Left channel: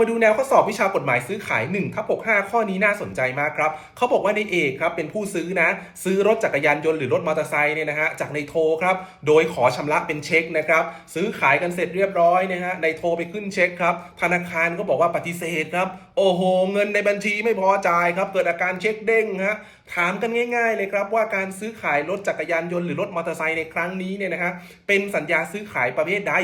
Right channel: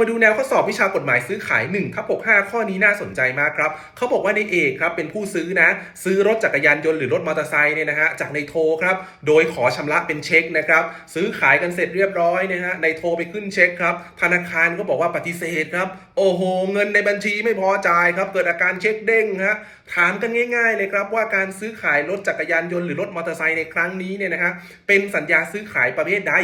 มาดูแนวข้อสอบวิชากฎหมายซื้อขาย1ทับ65 ข้อนี้น่าสนใจมากครับเขาบอกว่าในเอกครับเป็นผู้ซื้อนะ ซื้อรถจักรยานยนต์หรือรถมอเตอร์ไซค์เนี่ยนะฮะจากในโทรครับ โดยขอชำระเป็นเช็คนะครับ ซื้อขายกันเสร็จเรียบร้อยนะฮะในโทรไปขึ้นเช็คครับ ธนาคารก็บอกว่าปฏิเสธครับ โอ้โห เงินในบัญชีไม่พอจ่ายครับ เกิดอาการเช็คเด้งฮะถามกันง่าย ๆ เลยครับว่าการซื้อขายรถจักรยานยนต์หรือรถมอเตอร์ไซค์ในครั้งนี้เนี่ยนะฮะเป็นสัญญาซื้อขายประเภทใด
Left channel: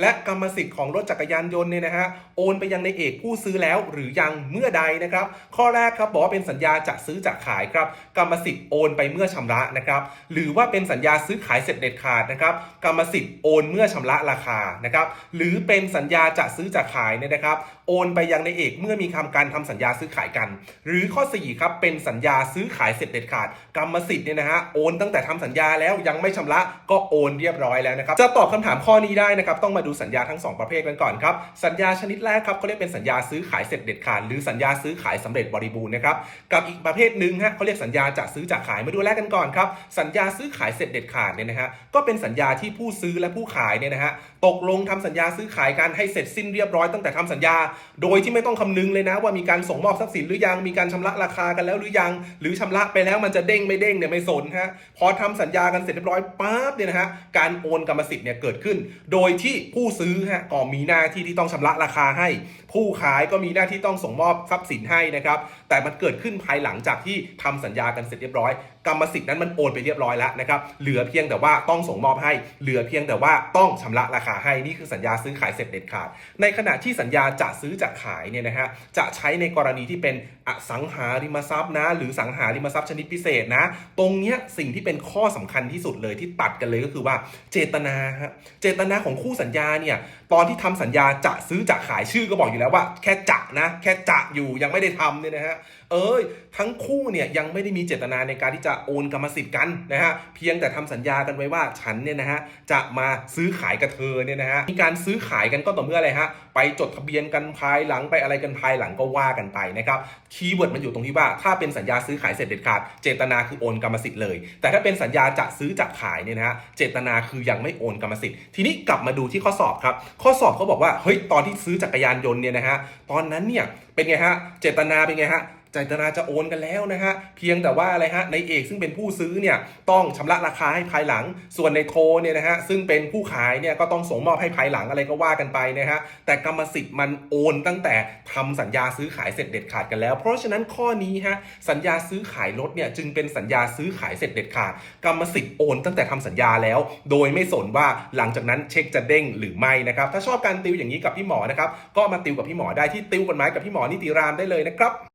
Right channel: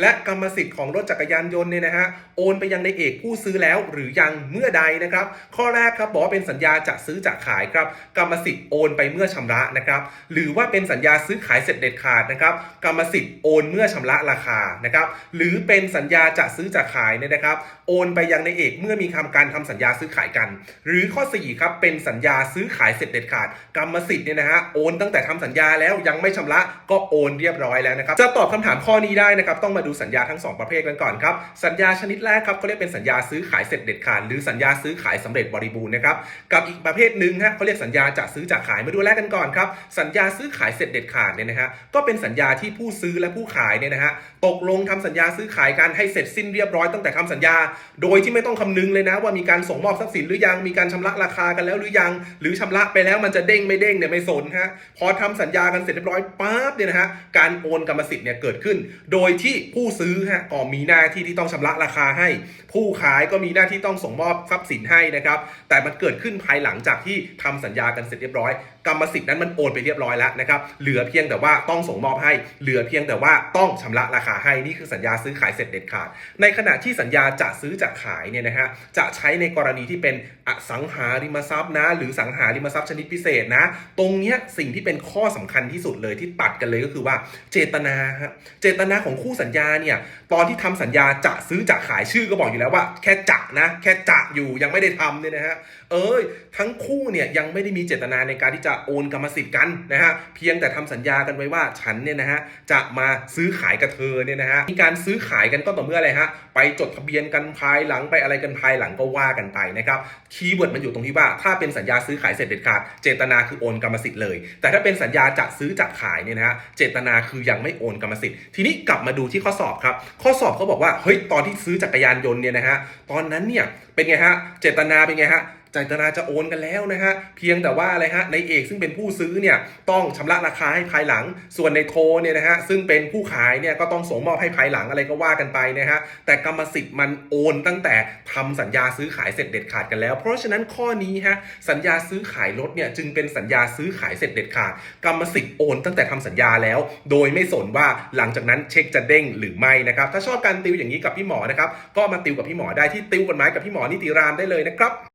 และกรรมสิทธิ์ของรถจักรยานยนต์เนี่ยนะฮะโอนไปยังในเอกผู้ซื้อแล้วหรือยังเมื่อใดนะครับ ข้อแรกครับบอกว่าเป็นสัญญาจะซื้อจะขายครับกรรมสิทธิ์โอนไปเมื่อชำระนะครับหรือว่าเป็นสัญญาซื้อขายเสร็จเด็ดขาดนะครับกรรมสิทธิ์โอนเมื่อชำระราคานะครับหรือเป็นสัญญาจะซื้อจะขายเนี่ยนะครับโอนไปยังในเอกเมื่อมีคำการทำสัญญาซื้อขายกัน หรือข้อ4ครับเป็นสัญญาซื้อขายเสร็จเด็ดขาด กรรมสิทธิ์เนี่ยนะฮะโอนตั้งแต่ทำสัญญาแล้วยังไม่ชำระก็โอนเรียบร้อยแล้วนะครับจะตอบคำถามข้อนี้ได้นะครับต้องมาดูสัญญาทั้งสองประเภทกันก่อนครับสัญญาชนิดแรกครับเขาเรียกเป็นสัญญาซื้อขายเสร็จเด็ดขาดหรือสัญญาซื้อขายสำเร็จบริบูรณ์นะครับกับอีกประเภทหนึ่งฮะเขาเรียกสัญญาจะซื้อจะขายมาดูแรกกันก่อนครับสัญญาซื้อขายเสร็จเด็ดขาดเนี่ยนะฮะก็เป็นสัญญาที่ผู้ซื้อและผู้ขายเนี่ยนะฮะตกลงทำสัญญาซื้อขายกันให้เสร็จสิ้นเรียบร้อยตั้งแต่ทำสัญญา โดยที่ไม่ต้องคำนึงเลยนะว่ามีการส่งมอบทรัพย์สินหรือยังมีการชำระราคากันแล้วหรือยัง หรือชำระไปแล้วมันจะเด้งไม่เด้งเนี่ยไม่สนฮะพอทำสัญญากันเสร็จเรียบร้อยปั๊บเนี่ยนะฮะการโอนกรรมสิทธิ์เนี่ยเกิดขึ้น โดยที่ผู้ซื้อฮะก็มีหน้าที่ที่ต้องชำระราคาให้ ผู้ขายก็มีหน้าที่ต้องส่งมอบทรัพย์สินให้นะครับ แต่มันเกิดขึ้นภายหลังจากที่ทำสัญญากันเสร็จเรียบร้อย กรรมสิทธิ์นั้นมันโอนไปเรียบร้อยแล้วนะครับ เหลือเพียงแต่ว่าต้องส่งมอบให้ เหลือเพียงแต่ว่าต้องชำระราคาให้ นี่คือสัญญาซื้อขายเสร็จเด็ดขาด ในขณะที่สัญญาจะซื้อจะขายเนี่ยนะฮะ จะใช้ในกรณีที่เป็นอสังหาริมทรัพย์นะ หรือสังหาริมทรัพย์ชนิดพิเศษนะ ตรงเนี้ยสิ่งที่เป็นข้อสำคัญที่สุดเลยที่ตัดกันเลยก็คือว่าเจตนาฮะ เจตนาของคู่สัญญาเนี่ยตอนที่ทำสัญญาจะซื้อจะขายชื่อก็บอกอยู่แล้วว่า แค่จะนะ แค่จะอยู่ยังไม่ได้ทำเนี่ยนะฮะ เอ้ยทั้งคู่เนี่ยยังไม่ได้มีเจตนาในการที่จะโอนกรรมสิทธิ์กันนะฮะเพียงแต่ทำสัญญากันไว้ว่าฉันเนี่ยนะฮะจะมาซื้อขายกับเธอเนี่ยนะฮะมีการซื้อขายกันก็ต่อเมื่ออะไรฮะไปจดทะเบียนกันภายหลังไปอะไรกันภายหลังก็ว่ากันไปนะครับคีย์เวิร์ดมันอยู่ตรงที่ว่า ถ้าเป็นสัญญาซื้อขายเสร็จเด็ดขาด เจตนาคือโอนกรรมสิทธิ์เลย แต่ถ้าเป็นสัญญาจะซื้อจะขายเนี่ยนะฮะเจตนาคือยังไม่โอนกรรมสิทธิ์ทีนี้กลับมาดูที่ข้อสอบครับข้อสอบเขาบอกว่าเฮ้ยตอนที่ซื้อจักรยานยนต์เนี่ยนะฮะตอนนั้นเนี่ยเป็นไงฮะเจตนาเป็นไงฮะ จตนาจะโอนกันแล้วนะฮะ เพียงแต่ว่าอะไรฮะในเอกซึ่งเป็นผู้ซื้อเนี่ยต้องชำระราคาให้ภายหลัง ส่วนในโทเนี่ยนะฮะซึ่งเป็นผู้ขายเนี่ยก็ต้องส่งมอบให้ภายหลังอะไรก็ว่ากันไปนะฮะแต่กรรมสิทธิ์มันโอนตั้งแต่ทำสัญญาซื้อขายเสร็จเด็ดขาดกันแล้ว เพราะฉะนั้นข้อนี้ฮะสัญญาซื้อขายรถเนี่ยจึงเป็นสัญญาซื้อขายเสร็จเด็ดขาดกรรมสิทธิ์โอนตั้งแต่ทำสัญญาแล้ว โดยไม่สนว่าหลังจากนั้นเช็คจะเด้งหรือไม่นะครับถ้าชอบการติวอย่างนี้กับพี่หมอนะครับก็มาติวกับพี่หมอได้ที่ติวกฎหมายกับพี่หมอนิติรามได้เลยนะครับ